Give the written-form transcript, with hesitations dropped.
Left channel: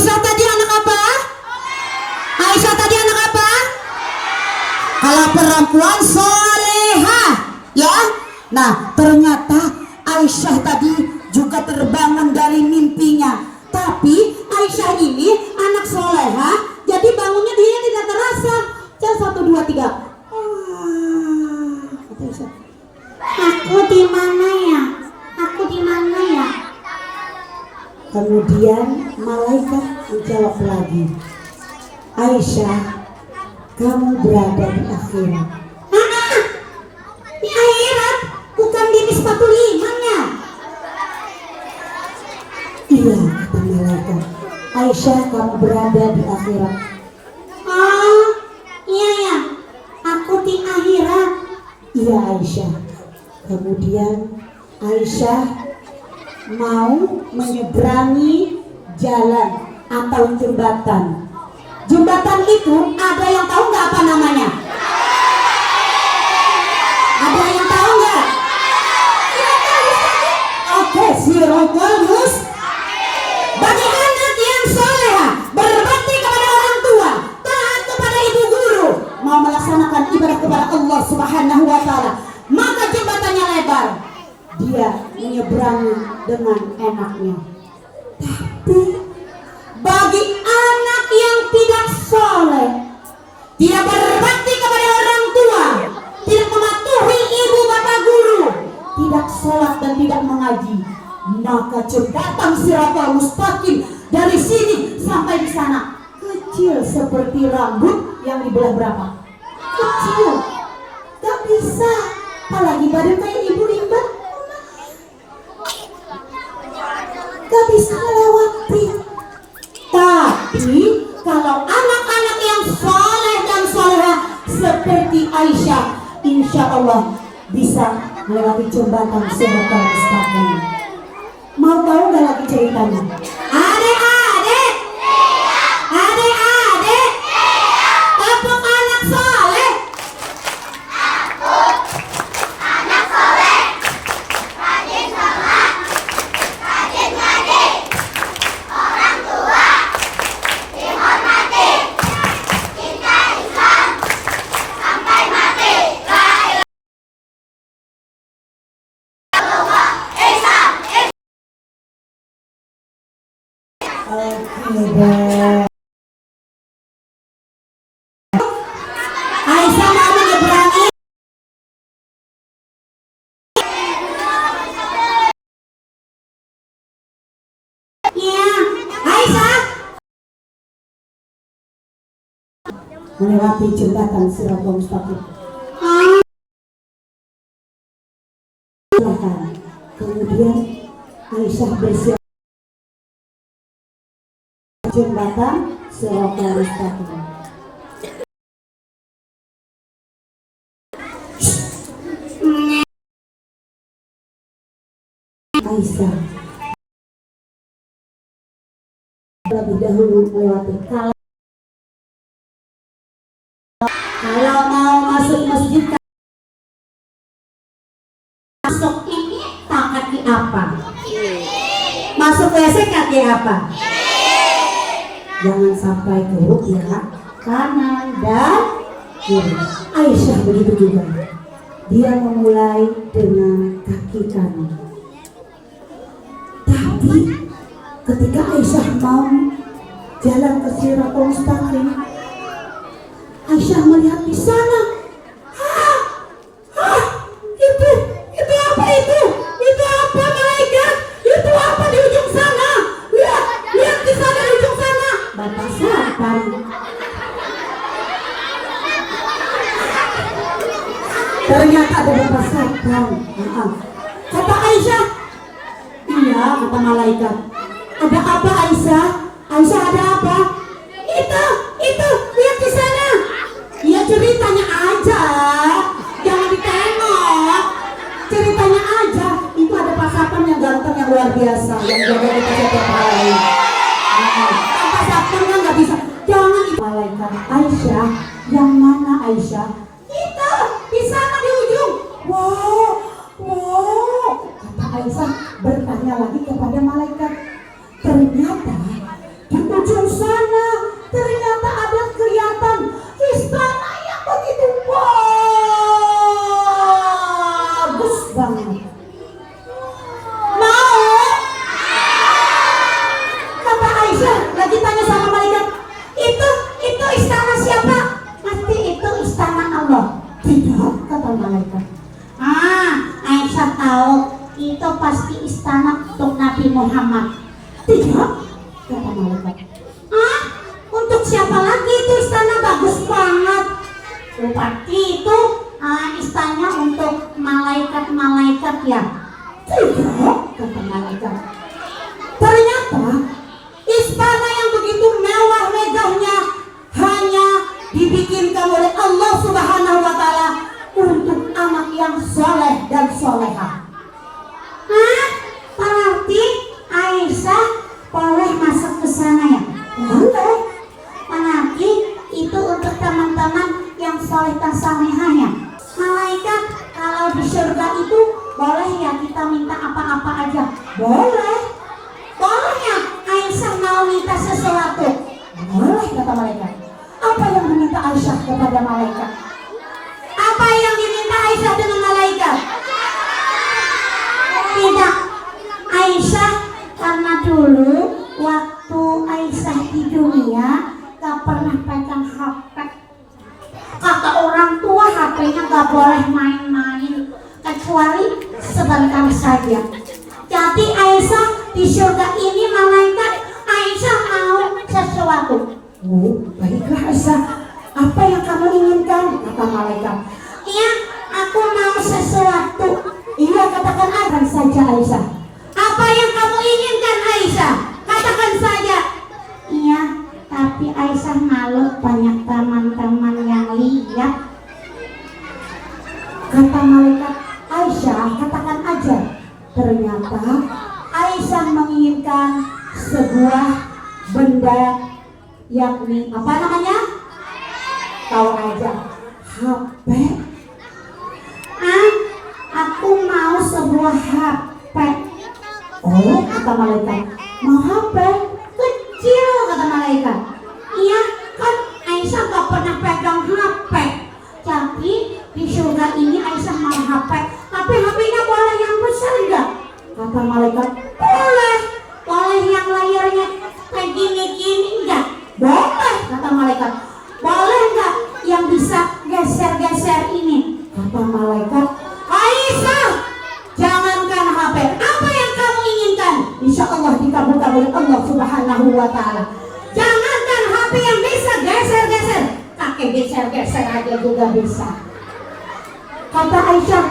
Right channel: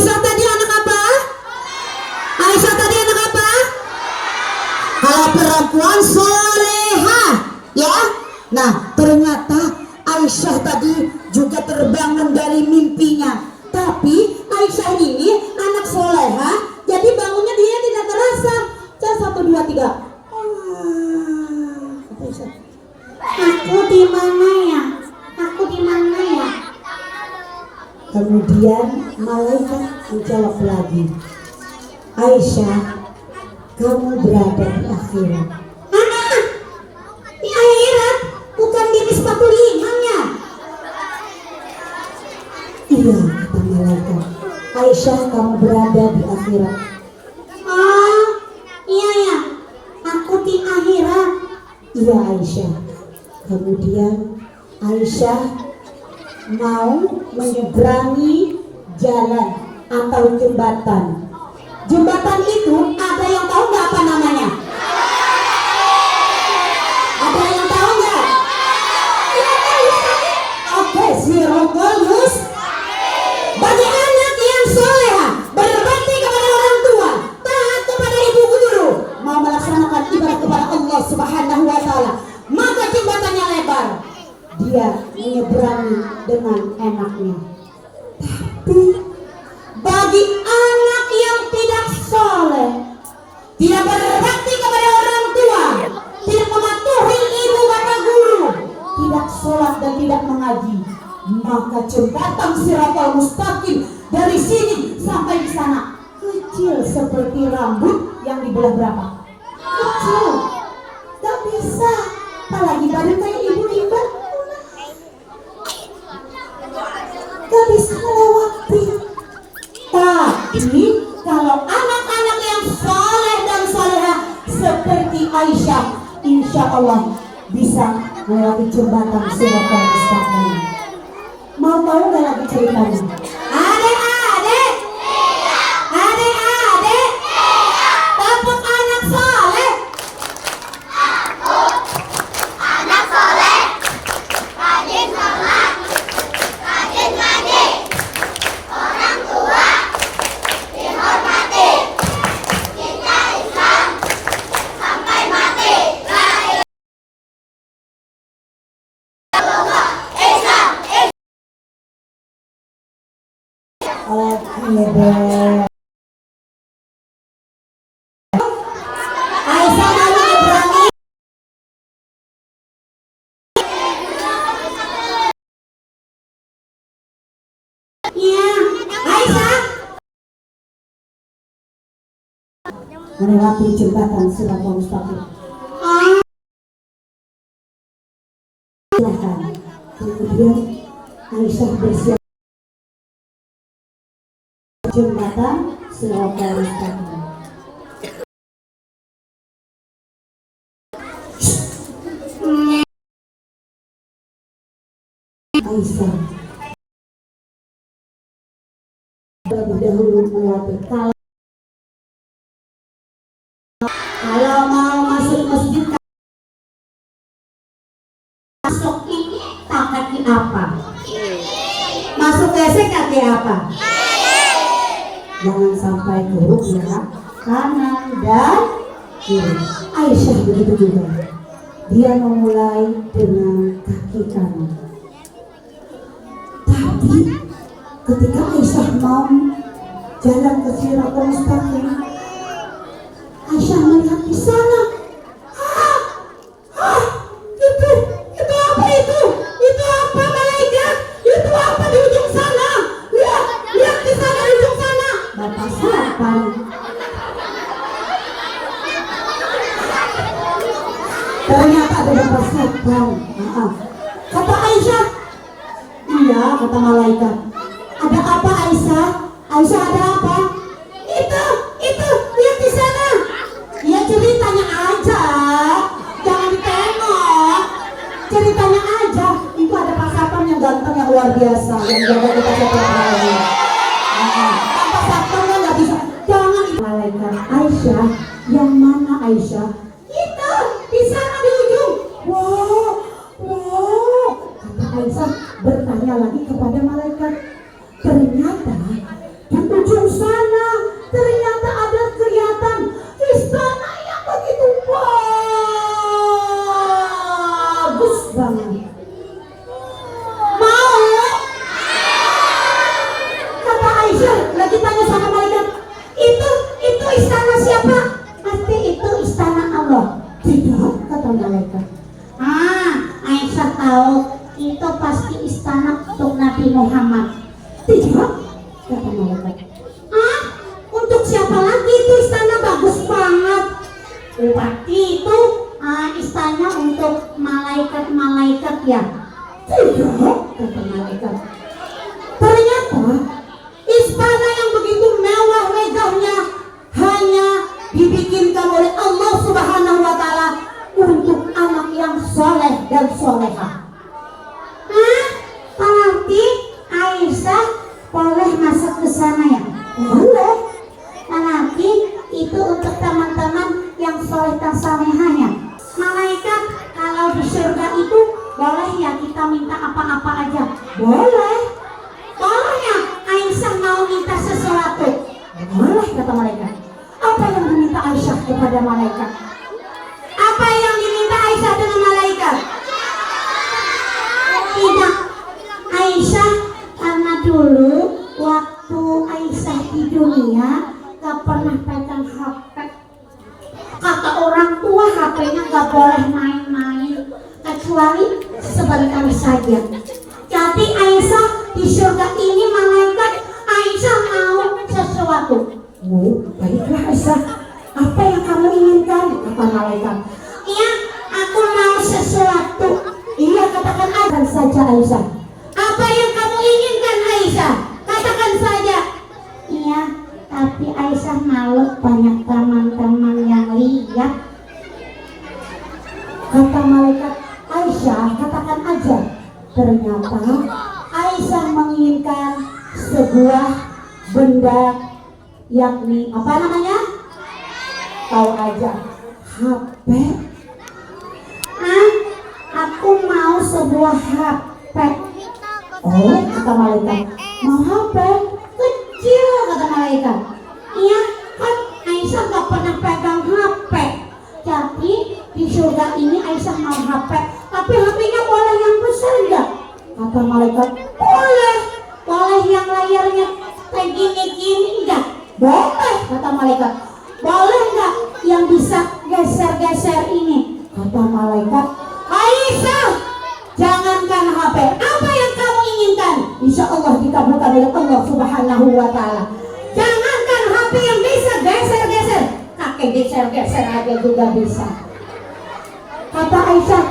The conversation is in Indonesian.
Aisyah tadi anak apa? Aisyah tadi anak apa? Kalau perempuan soleha, ya. Nah, ternyata Aisyah tadi juga terbangun dari mimpinya. Tapi Aisyah ini anak soleha, jadi bangunnya dia tidak terasa. Jam 1, 2, 3. Aku di mana ya? Aku di mana ya? Kemudian malaikat menjawab lagi, Aisyah, kamu berada di akhirat. Di akhirat? Bukan di sepatu limangnya? Iya, kata malaikat. Aisyah, kamu berada di akhirat. Oh, iya ya, aku di akhirat. Iya Aisyah. Kemudian Aisyah mau menyeberangi jalan atau jembatan. Jembatan itu ada yang tahu nggak apa namanya? Ada yang tahu nggak? Oke, Siratal Mustaqim. Bagi anak yang soleh, berbakti kepada orang tua, taat kepada ibu guru, mau melaksanakan ibadah kepada Allah Subhanahu wa Ta'ala, maka jembatannya lebar. Dia menyeberangi dengan enaknya. Tapi bagi anak yang tidak soleh, tidak berbakti kepada orang tua, tidak mematuhi ibu kata guru, tidak sholat dan tidak mengaji, maka jembatan Siratal Mustaqim dari sini sampai di sana kecil seperti rambut yang dibelah berapa? Kecil, gak bisa. Apalagi badan kayak ibu Rimba, gak bisa melewati. Tapi kalau anak-anak yang soleh dan soleha seperti Aisyah, insya Allah bisa melewati jembatan Siratal Mustaqim. Mau tahu gak lagi ceritanya? Adik-adik, adik-adik, tepuk anak soleh. Anak soleh, rajin sholat, rajin ngaji, orang tua dihormati, cinta Islam sampai mati. Aisyah mau menyeberangi. Ya, Aisyah melewati jembatan Siratal Mustaqim. Kemudian Aisyah bersiap jembatan Siratal Mustaqim. Aisyah lebih dahulu melewati. Kalau mau masuk masjid, masuk ini kaki apa? Masuk WC kaki apa? Jangan sampai buruk ya, kanan dan kiri. Aisyah begitu juga. Dia memulai dengan kaki kanan. Tapi ketika Aisyah mau jalan ke Siratal Mustaqim, Aisyah melihat di sana. Itu apa itu? Itu apa malaikat? Itu apa di ujung sana? Lihat di sana di ujung sana. Bapak siapa? Ternyata ada bapak setan. Kata Aisyah, iya, kata malaikat. Ada apa Aisyah? Aisyah ada apa? Itu, lihat di sana. Ya ceritanya aja, jangan ditengok. Ceritanya aja. Itu ada Pak Satpam yang ganteng yang luar biasa, yang jaga kita setiap hari. Pak Satpam nggak bisa. Jangan itu. Malaikat Aisyah, yang mana Aisyah? Itu di sana di ujung. Wow. Kata Aisyah bertanya lagi kepada malaikat. Ternyata di ujung kepada malaikat. Apa yang diminta Aisyah dengan malaikat? Tidak. Aisyah karena dulu waktu Aisyah di dunia gak pernah pegang HP. Kata orang tua HP-nya gak boleh main-main kecuali sebentar saja. Jadi Aisyah di surga ini malaikat Aisyah mau sesuatu. Oh, baiklah Aisyah. Apa yang kamu inginkan? Kata malaikat. Iya, aku mau sesuatu. Iya, katakan akan saja Aisyah. Apa yang kamu inginkan Aisyah? Katakan saja. Iya, tapi Aisyah malu banyak teman-teman yang lihat. Kata malaikat, Aisyah katakan aja. Ternyata Aisyah menginginkan sebuah benda, yakni apa namanya? Tahu aja, HP. Aku mau sebuah HP. Oh, kata malaikat, mau HP kecil, kata malaikat. Iya, kan Aisyah gak pernah pegang HP. Jadi di surga ini Aisyah mau HP, tapi HP-nya boleh yang besar enggak? Kata malaikat, boleh. Boleh yang layarnya kayak gini-gini enggak? Boleh, kata malaikat. Boleh enggak yang bisa geser-geser ini? Kata malaikat, Aisyah, jangankan HP, apa yang kamu inginkan? Insya Allah dikabulkan oleh Allah Subhanahu wa Ta'ala. Jangankan HP yang bisa geser-geser, kakek geser-geser aja juga bisa. Kata Aisyah,